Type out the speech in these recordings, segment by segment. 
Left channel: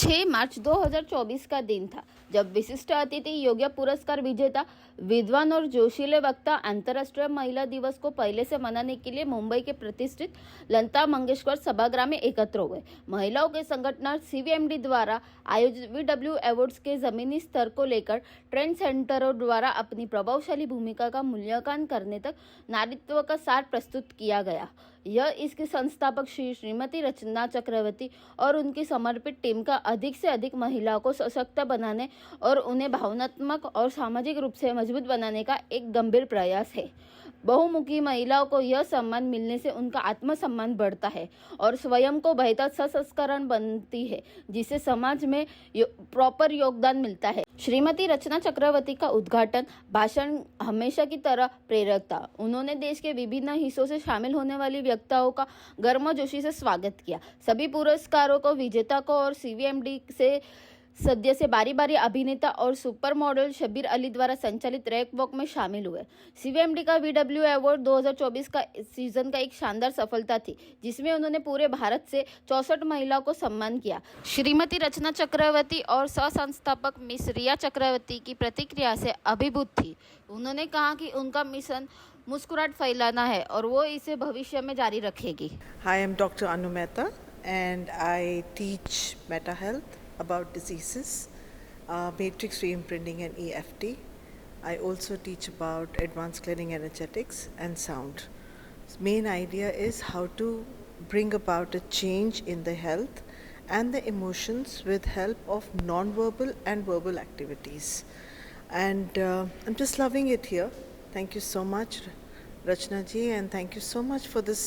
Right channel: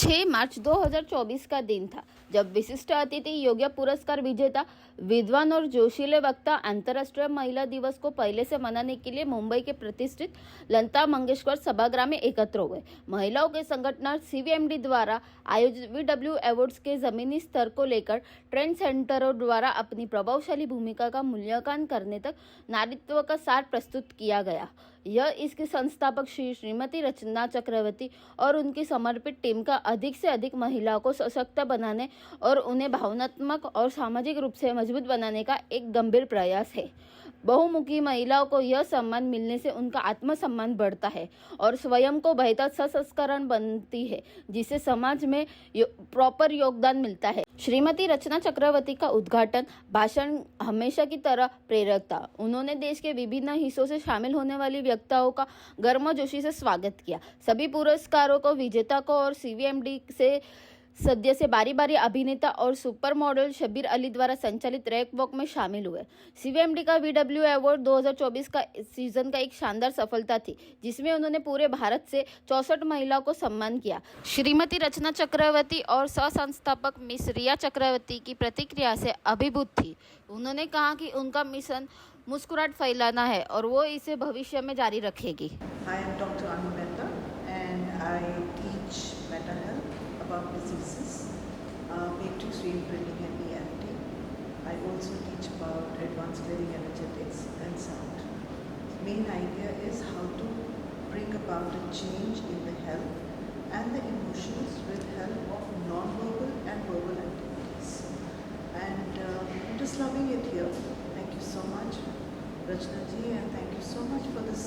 6 मार्च 2024 का दिन था जब विशिष्ट अतिथि योग्य पुरस्कार विजेता विद्वान और जोशीले वक्ता अंतर्राष्ट्रीय महिला दिवस को पहले से मनाने के लिए मुंबई के प्रतिष्ठित लता मंगेशकर सभागृह में एकत्र हुए। महिलाओं के संगठन सीवीएमडी द्वारा आयोजित VW अवार्ड्स के जमीनी स्तर को लेकर ट्रेंड सेंटरों द्वारा अपनी प्रभावशाली भूमिका का मूल्यांकन करने तक नारीत्व का सार प्रस्तुत किया गया। यह इसकी संस्थापक श्रीमती रचना चक्रवर्ती और उनकी समर्पित टीम का अधिक से अधिक महिलाओं को सशक्त बनाने और उन्हें भावनात्मक और सामाजिक रूप से मजबूत बनाने का एक गंभीर प्रयास है। बहुमुखी महिलाओं को यह सम्मान मिलने से उनका आत्मसम्मान बढ़ता है और स्वयं को बेहतर सशक्तिकरण बनती है, जिससे समाज में प्रॉपर योगदान मिलता है। श्रीमती रचना चक्रवर्ती का उद्घाटन भाषण हमेशा की तरह प्रेरक था। उन्होंने देश के विभिन्न हिस्सों से शामिल होने वाली व्यक्तियों का गर्मजोशी से स्वागत किया। सभी पुरस्कारों को विजेता को और सीवीएमडी से सदस्य से बारी बारी अभिनेता और सुपर मॉडल शब्बीर अली द्वारा संचालित रैक वॉक में शामिल हुए। सीवीएमडी का VW अवार्ड 2024 का सीजन का एक शानदार सफलता थी, जिसमें उन्होंने पूरे भारत से 64 महिलाओं को सम्मान किया। श्रीमती रचना चक्रवर्ती और सह संस्थापक मिस रिया चक्रवर्ती की प्रतिक्रिया से अभिभूत थी। उन्होंने कहा कि उनका मिशन मुस्कुराहट फैलाना है और वो इसे भविष्य में जारी रखेगी। Hi, I'm Dr. Anu Mehta and I teach Meta Health about diseases, matrix reimprinting and EFT. I also teach about advanced clearing energetics and sound. Main idea is how to bring about a change in the health and the emotions with help of non-verbal and verbal activities. And I'm just loving it here. Thank you so much, Rachna ji, and thank you so much for this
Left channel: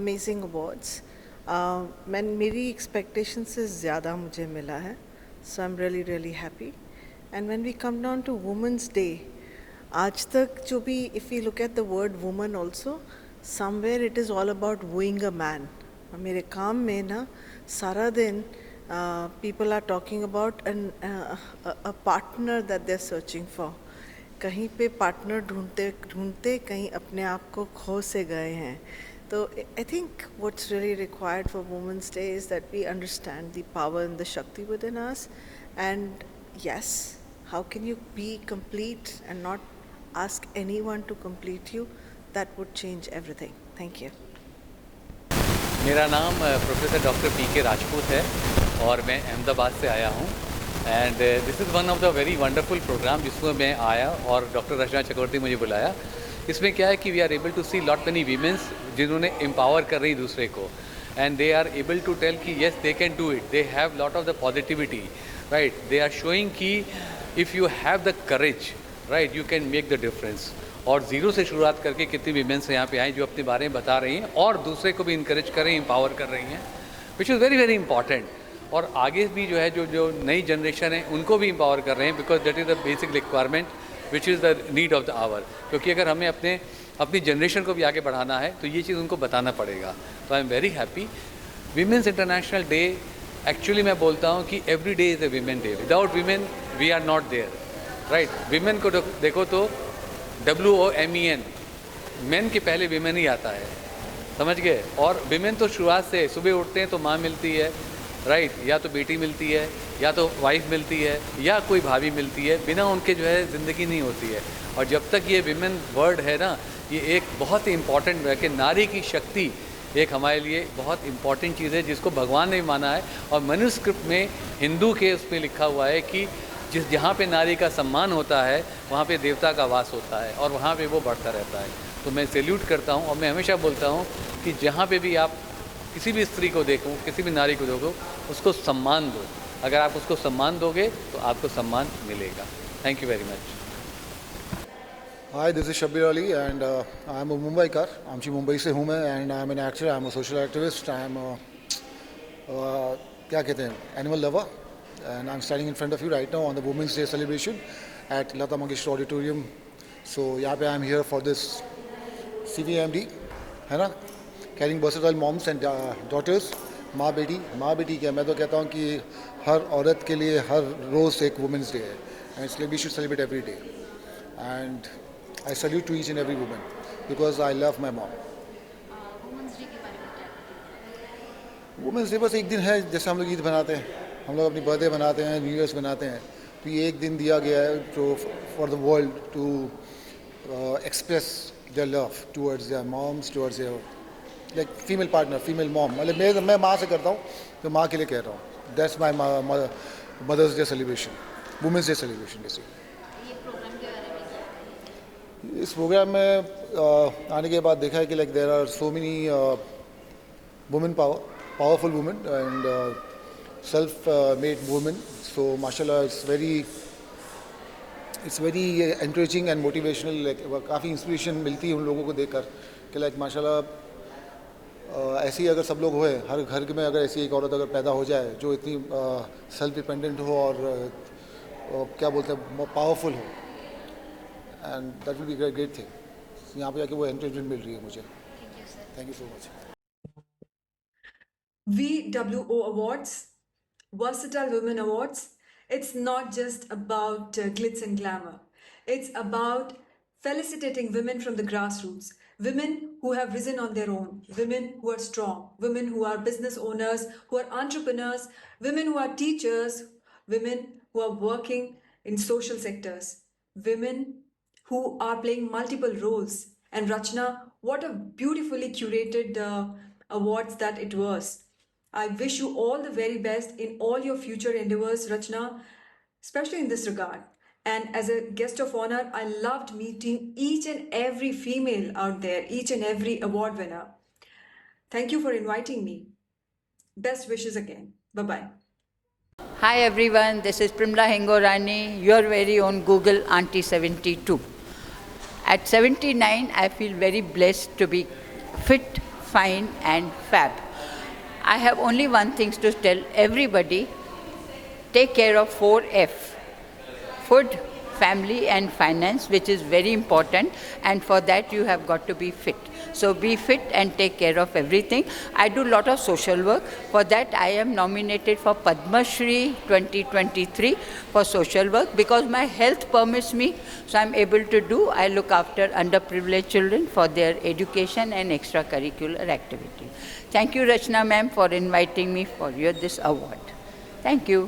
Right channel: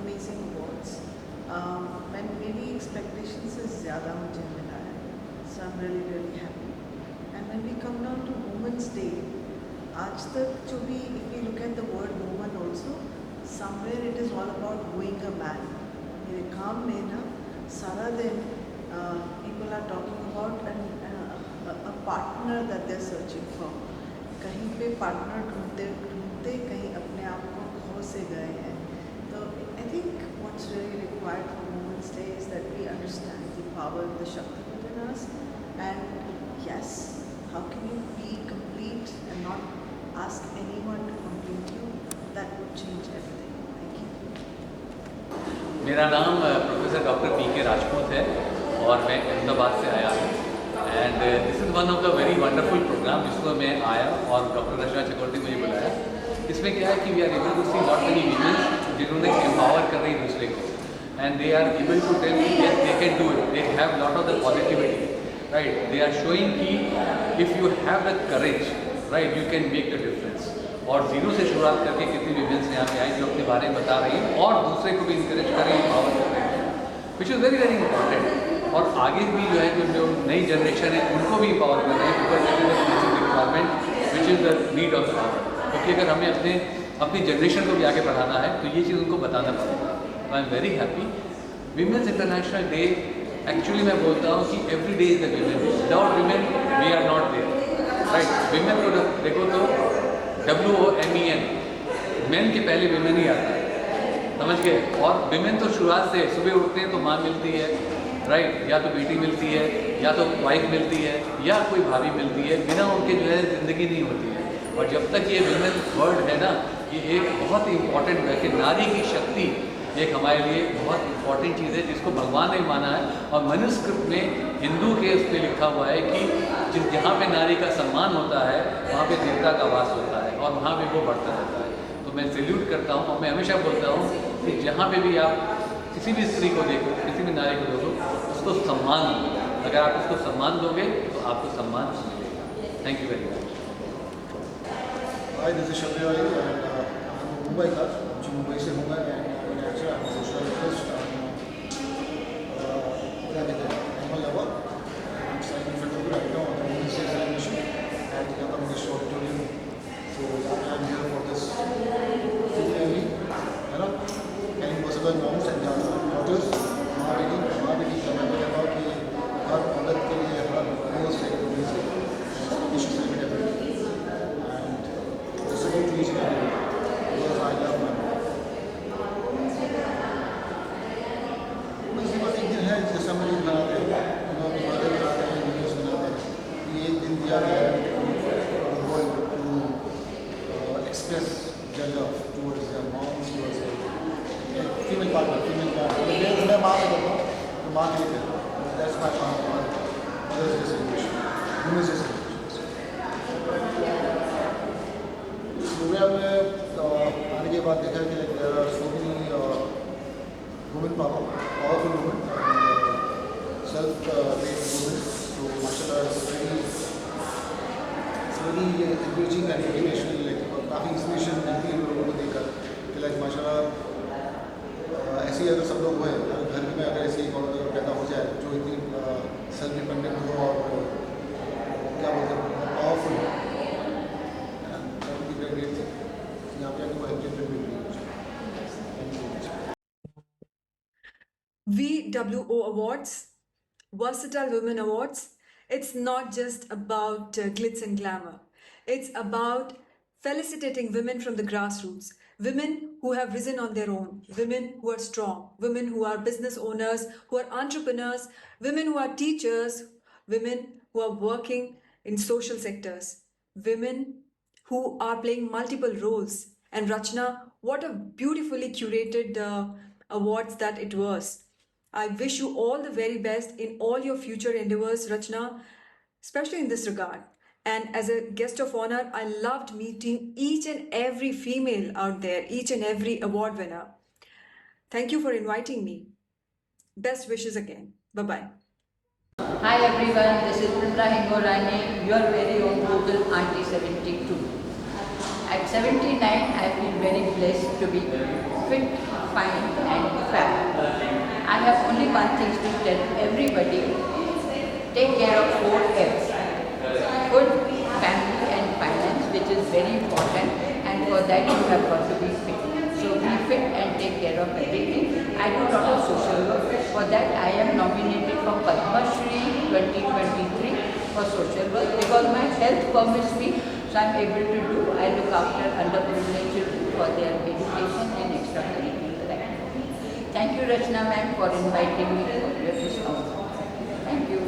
amazing awards. मेरी expectation से ज़्यादा मुझे मिला है, so I am really happy. And when we come down to women's day, आज तक जो भी if you look at the word woman also, somewhere it is all about wooing a man. मेरे काम में ना सारा दिन people are talking about a partner that they are searching for. कहीं पे पार्टनर ढूंढते ढूंढते कहीं अपने आप को खो से गए हैं। So I think what's really required for Women's Day is that we understand the power and the Shakti within us. And yes, how can you be complete and not ask anyone to complete you? That would change everything. Thank you. मेरा नाम professor doctor PK Rajput है और मैं अहमदाबाद से आया हूँ। And this is one of the very wonderful program जिसमें मैं आया और डॉक्टर रचना चक्रवर्ती मुझे बुलाया। इसमें क्या है कि we are able to see lot many womens जिन्होंने एम्पावर कर रही दूसरे को, and they are able to tell कि yes they can do it, they have lot of the positivity, right. They are showing कि if you have the courage, right, you can make the difference. और zero से शुरुआत करके कितनी वीमेंस यहाँ पे आई जो अपने बारे में बता रही हैं और दूसरे को भी इंकरेज कर रही हैं, एम्पावर कर रही हैं, विच इज़ वेरी इंपॉर्टेंट। और आगे भी जो है जो नई जनरेशन है उनको भी एम्पावर कर रहे हैं, because that is the basic requirement which is the need of the hour. क्योंकि अगर हमें अपनी जनरेशन को भी आगे बढ़ाना है तो ये चीज़ उनको बताना पड़ेगा। तो I am very happy. Womens international day, actually मैं बोलता हूँ कि every day is a women day. Without women we are not there, right. Women को देखो तो WOMEN, मेन के पहले वीमेन ही आता है, समझ गए। और वीमेन तो शुरुआत से सुबह उठते हैं तो माँ मिलती है, राइट, या तो बेटी मिलती है, या तो वाइफ मिलती है, या कोई भाभी मिलती है। बिना उनके जो है ज़िंदगी नहीं होती है। और जब तक ये विमेन वर्ड है ना, ये एक बहुत ही इम्पॉर्टेंट है कि नारी की शक्ति एक हमारे लिए बहुत इम्पॉर्टेंट चीज़ है जिसको भगवान ने माना है। और मनुस्क्रिप्ट में हिंदू के उस पर लिखा हुआ है कि जहाँ पे नारी का सम्मान होता है वहाँ पे देवता का वास होता है और वहाँ पे वो बढ़ता रहता है। तो मैं सैल्यूट करता हूँ और मैं हमेशा बोलता हूँ कि जहाँ पे भी आप किसी भी स्त्री को देखो, किसी भी नारी को देखो, उसको सम्मान दो। अगर आप उसको सम्मान दोगे तो आपको सम्मान मिलेगा। Thank you very much. Hi, this is Shabir Ali and I'm a Mumbaikar. आमची मुंबई से हूँ मैं and I'm an actor, I'm a social activist, क्या कहते हैं, animal lover, and I'm standing in front of you right now on the Women's Day celebration at Lata Mangeshkar Auditorium. So यहाँ पे I'm here for this CVMD, है ना, carrying versatile moms and daughters, माँ बेटी क्या, मैं तो कहता हूँ कि हर औरत के लिए हर रोज़ एक Women's Day है, and इसलिए we should celebrate every day. I salute to each and every woman because I love my mom. Women's day बस एक दिन है, जैसे हम लोग ईद बनाते हैं, हम लोग अपनी बर्थडे बनाते हैं, न्यू ईयर्स बनाते हैं, तो ये एक दिन दिया गया है for the world to express their love towards their moms, towards their like female partner, female mom. मतलब मैं माँ से करता हूँ तो माँ के लिए कह रहा हूँ, that's my mothers day celebration, womens day celebration. इस प्रोग्राम में आने के बाद देखा है कि like there are so many women powerful women and self-made women. So mashallah, it's very encouraging and motivational. Like काफ़ी इंस्पिरेशन मिलती है उन लोगों को देखकर कि लाइक माशाल्लाह ऐसे ही अगर सब लोग होए, हर घर में अगर ऐसी एक औरत अगर पैदा हो जाए जो इतनी सेल्फ डिपेंडेंट हो और क्या बोलते हैं पावरफुल हो, and that will be great thing. यहाँ पे आके वो एंकरेजमेंट मिल रही है मुझे। Thank you so much. VWO Awards, Versatile Women Awards, it's not just about glitz and glamour. It's about felicitating women from the grassroots, women who have risen on their own, women who are strong, women who are business owners, who are entrepreneurs, women who are teachers, women who are working in social sectors, women who are playing multiple roles. And Rachna, what a beautifully curated awards that it was. I wish you all the very best in all your future endeavors, Rachna, especially in this regard. And as a guest of honor, I loved meeting each and every female out there, each and every award winner. Thank you for inviting me. Best wishes again. Bye-bye. Hi everyone, this is Primla Hengorani, your very own Google Auntie 72. At 79, I feel very blessed to be fit, fine and fab. I have only one thing to tell everybody: take care of 4F, food, family and finance, which is very important, and for that you have got to be fit. So be fit and take care of everything. I do a lot of social work. For that I am nominated for Padma Shri 2023 for social work because my health permits me, so I am able to do. I look after underprivileged children for their education and extracurricular activities. Thank you Rachna ma'am for inviting me for this award. Thank you.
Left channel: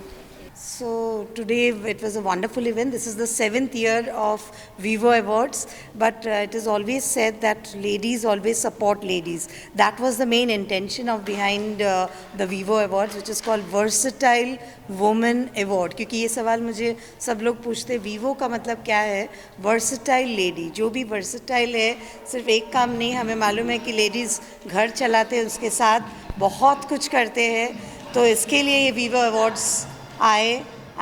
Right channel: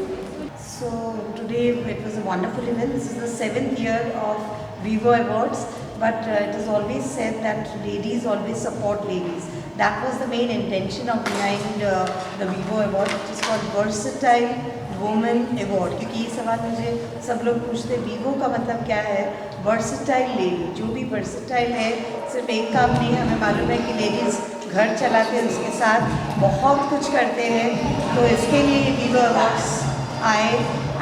So today it was a wonderful event. This is the 7th year of Vivo Awards, but it is always said that ladies always support ladies. That was the main intention of behind the Vivo Award, which is called Versatile Woman Award. क्योंकि ये सवाल मुझे सब लोग पूछते हैं, वीवो का मतलब क्या है? वर्सटाइल लेडी, जो भी वर्सटाइल है, सिर्फ एक काम नहीं, हमें मालूम है कि लेडीज़ घर चलाते हैं, उसके साथ बहुत कुछ करते हैं, तो इसके लिए ये वीवो अवार्ड्स आए।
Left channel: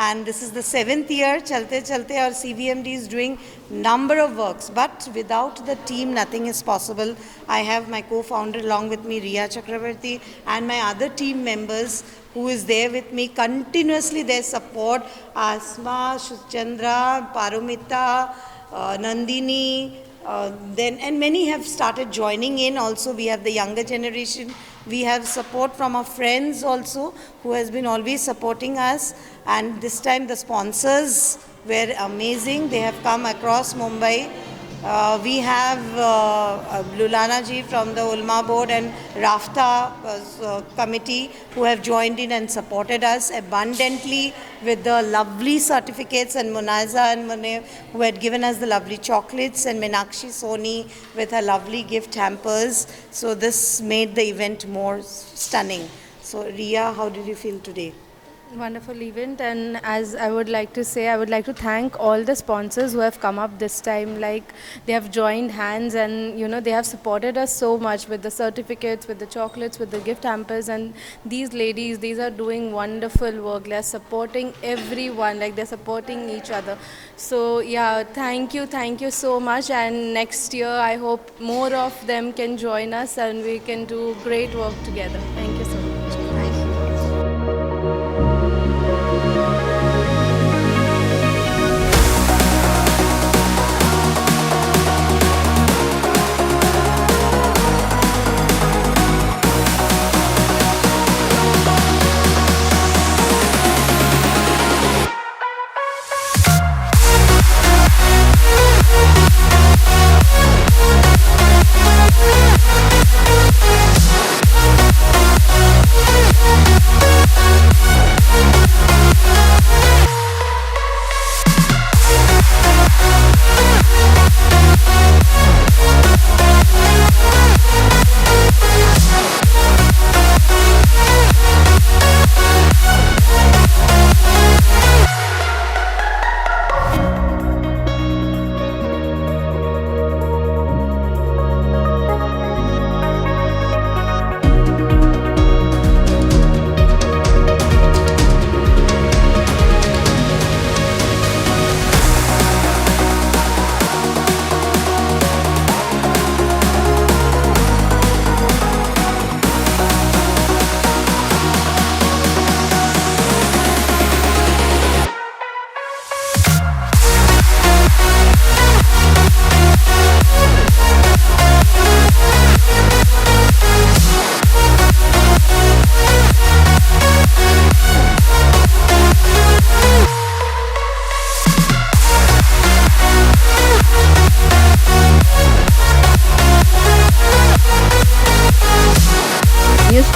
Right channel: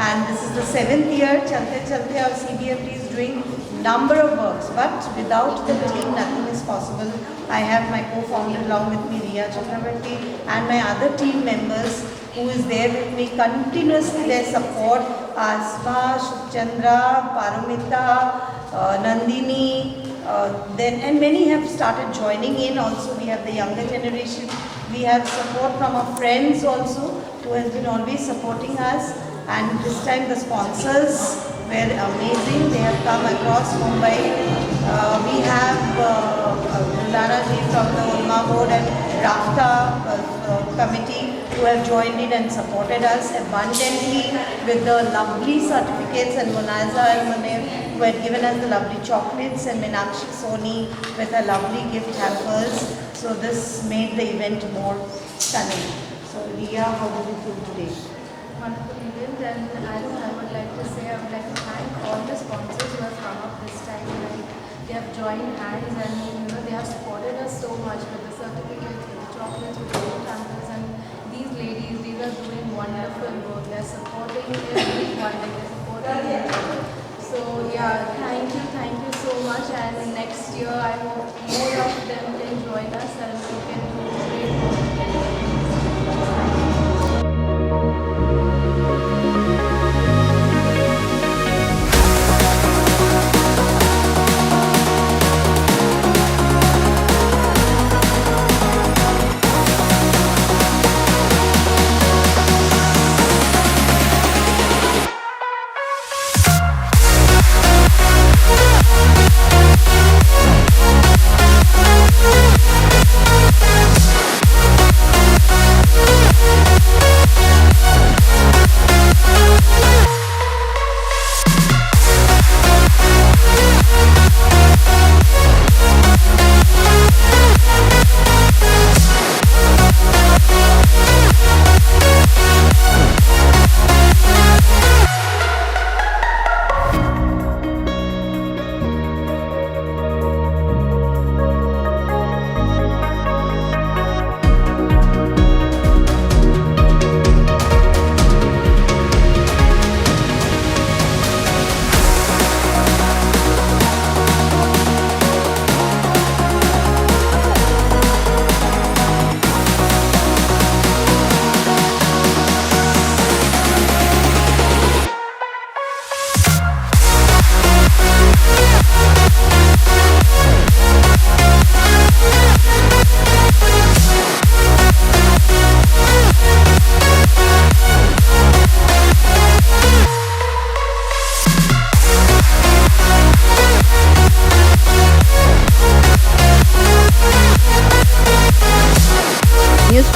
And this is the 7th year, चलते चलते, और CBMD is doing number of works, but without the team nothing is possible. I have my co-founder along with me, Riya Chakravarti, and my other team members who is there with me continuously. Their support, Asma, Chandra, Parumita, Nandini, then and many have started joining in. Also we have the younger generation. We have support from our friends also who has been always supporting us. And this time the sponsors were amazing. They have come across Mumbai. We have Lulana ji from the Ulma board and Rafta committee who have joined in and supported us abundantly with the lovely certificates, and Munaza and Munir who had given us the lovely chocolates, and Meenakshi Soni with her lovely gift hampers. So this made the event more stunning. So Riya, how did you feel today? Wonderful event, and as I would like to say, I would like to thank all the sponsors who have come up this time. Like, they have joined hands, and they have supported us so much with the certificates, with the chocolates, with the gift hampers. And these ladies, these are doing wonderful work. They are supporting everyone, like they're supporting each other. So yeah, thank you so much. And next year I hope more of them can join us and we can do great work together. Thank you so much.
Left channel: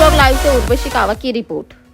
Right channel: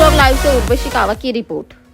Talk लाईव्हचे उर्वशी कावा की रिपोर्ट.